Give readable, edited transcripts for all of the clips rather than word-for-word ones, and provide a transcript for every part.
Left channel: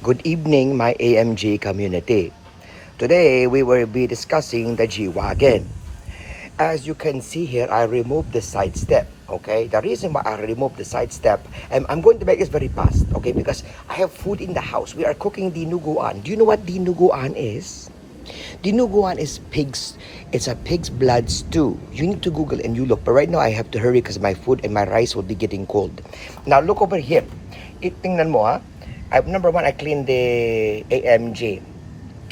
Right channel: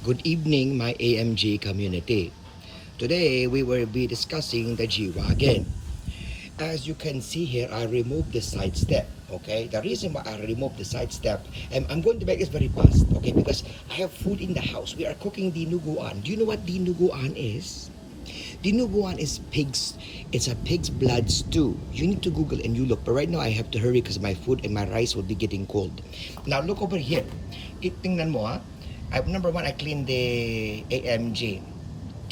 Good evening, my AMG community. Today, we will be discussing the G-Wagon. As you can see here, I removed the side step, okay? The reason why I removed the side step, and I'm going to make this very fast, okay? Because I have food in the house. We are cooking dinuguan. Do you know what dinuguan is? Dinuguan is pigs. It's a pig's blood stew. You need to Google and you look. But right now, I have to hurry because my food and my rice will be getting cold. Now, look over here. Tingnan mo, ha? Number one, I cleaned the AMG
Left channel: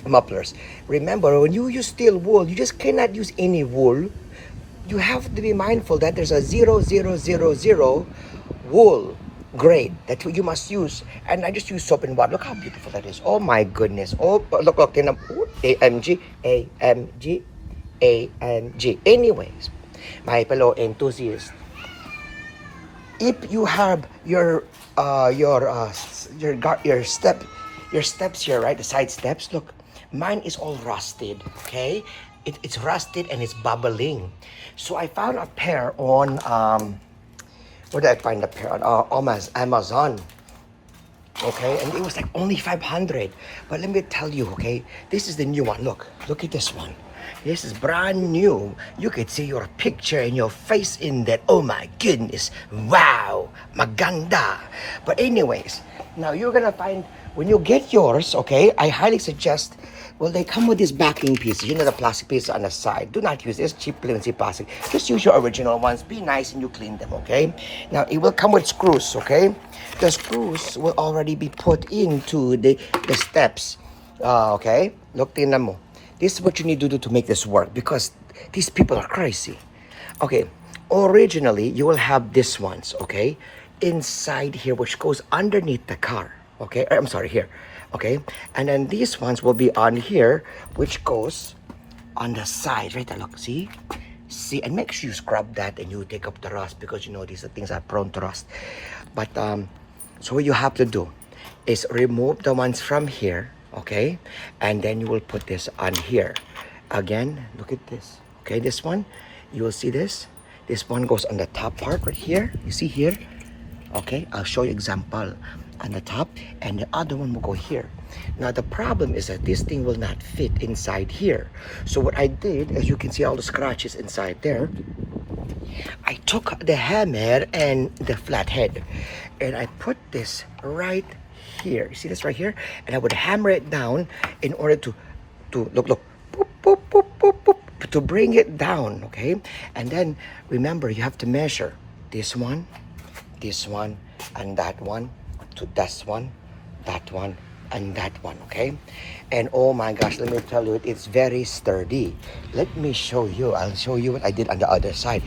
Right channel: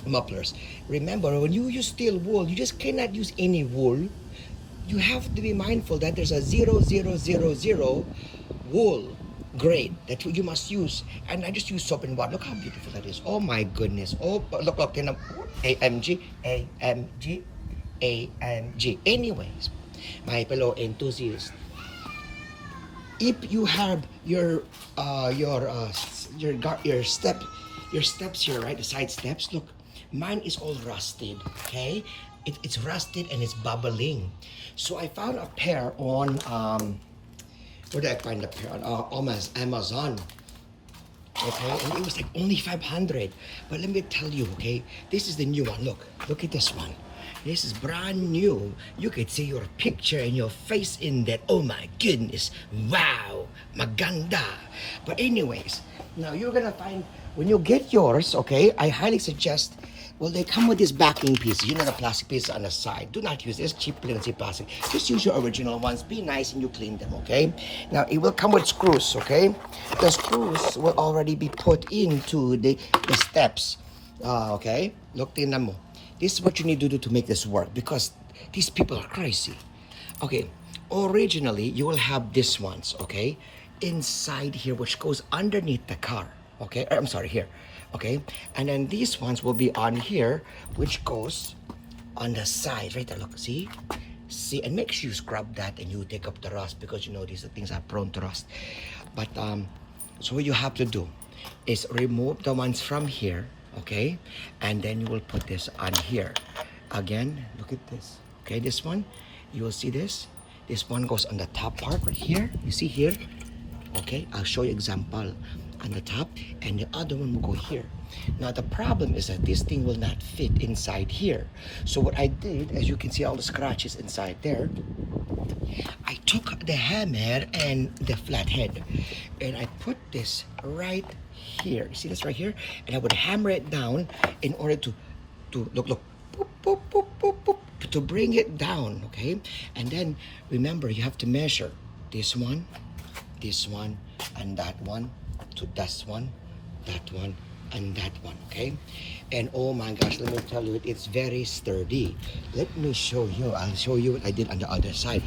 mufflers. Remember, when you use steel wool, you just cannot use any wool. You have to be mindful that there's a 0000 wool grade that you must use. And I just use soap and water. Look how beautiful that is. Oh my goodness. Oh, look. AMG, AMG, AMG. Anyways, my fellow enthusiasts, if you have your steps here, right? The side steps. Look, mine is all rusted. Okay, it's rusted and it's bubbling. So I found a pair on where did I find the pair on Amazon? Okay, and it was like only 500. But let me tell you, okay, this is the new one. Look at this one. This is brand new. You could see your picture and your face in that. Oh my goodness. Wow. Maganda. But anyways, now you're gonna find, when you get yours, okay, I highly suggest, well, they come with these backing pieces. You know, the plastic piece on the side. Do not use this cheap flimsy plastic. Just use your original ones. Be nice and you clean them, okay? Now, it will come with screws, okay? The screws will already be put into the steps. Okay? Look, tingnan mo. This is what you need to do to make this work because these people are crazy. Okay, originally, you will have these ones, okay? Inside here, which goes underneath the car, okay? I'm sorry, here, okay? And then these ones will be on here, which goes on the side, right? Look, see? See, and make sure you scrub that and you take up the rust because you know these things are prone to rust. But, so what you have to do is remove the ones from here, okay, and then you will put this on here. Again, look at this. Okay, this one, you will see this one goes on the top part right here. You see here? Okay, I'll show you example on the top, and the other one will go here. Now the problem is that this thing will not fit inside here. So what I did, as you can see all the scratches inside there, I took the hammer and the flathead and I put this right here. You see this right here? And I would hammer it down in order to look, boop, boop, boop, boop, boop, to bring it down, okay? And then remember, you have to measure this one, and that one, to this one, that one, and that one, okay? And oh my gosh, let me tell you, it's very sturdy. Let me show you. I'll show you what I did on the other side.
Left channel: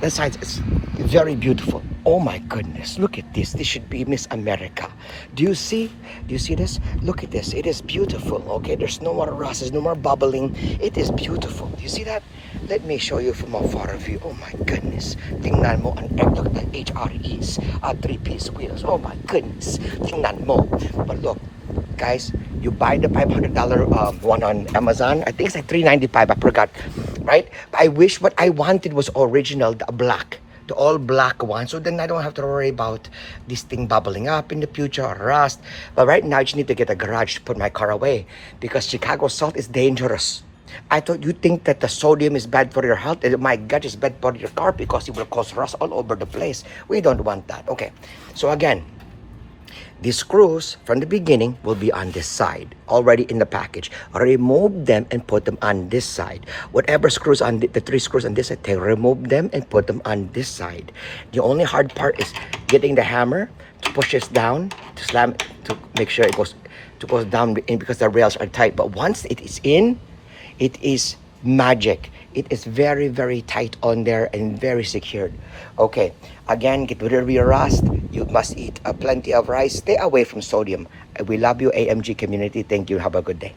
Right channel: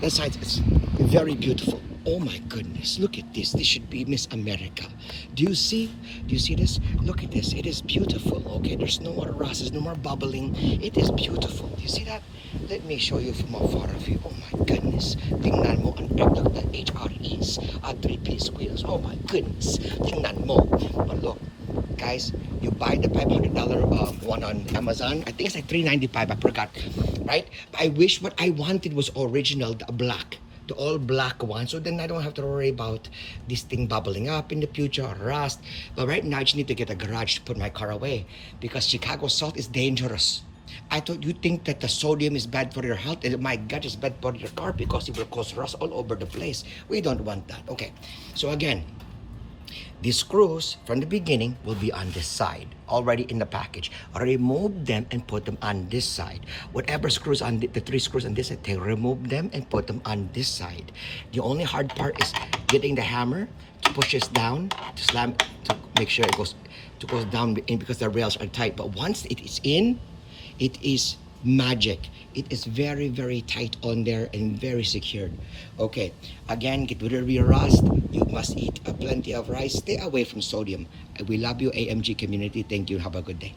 The side is very beautiful. Oh my goodness, look at this. This should be Miss America. Do you see this? Look at this. It is beautiful, okay? There's no more rust, there's no more bubbling. It is beautiful. Do you see that? Let me show you from a far view. Oh my goodness. Tingnan mo ang look at HREs, 3-piece wheels. Oh my goodness. Tingnan mo. But look, guys, you buy the $500 one on Amazon. I think it's like $395. I forgot, right? I wish what I wanted was original, the black, the all black one. So then I don't have to worry about this thing bubbling up in the future or rust. But right now, I just need to get a garage to put my car away because Chicago salt is dangerous. I thought you think that the sodium is bad for your health, and my gut is bad for your car because it will cause rust all over the place. We don't want that. Okay, so again, these screws from the beginning will be on this side, already in the package. Remove them and put them on this side. Whatever screws on the 3 screws on this side, remove them and put them on this side. The only hard part is getting the hammer to push this down, to slam, to make sure it goes down in because the rails are tight. But once it is in, it is magic. It is very, very tight on there and very secured. Okay, again, get rid of your rust. You must eat plenty of rice. Stay away from sodium. We love you, AMG community. Thank you. Have a good day.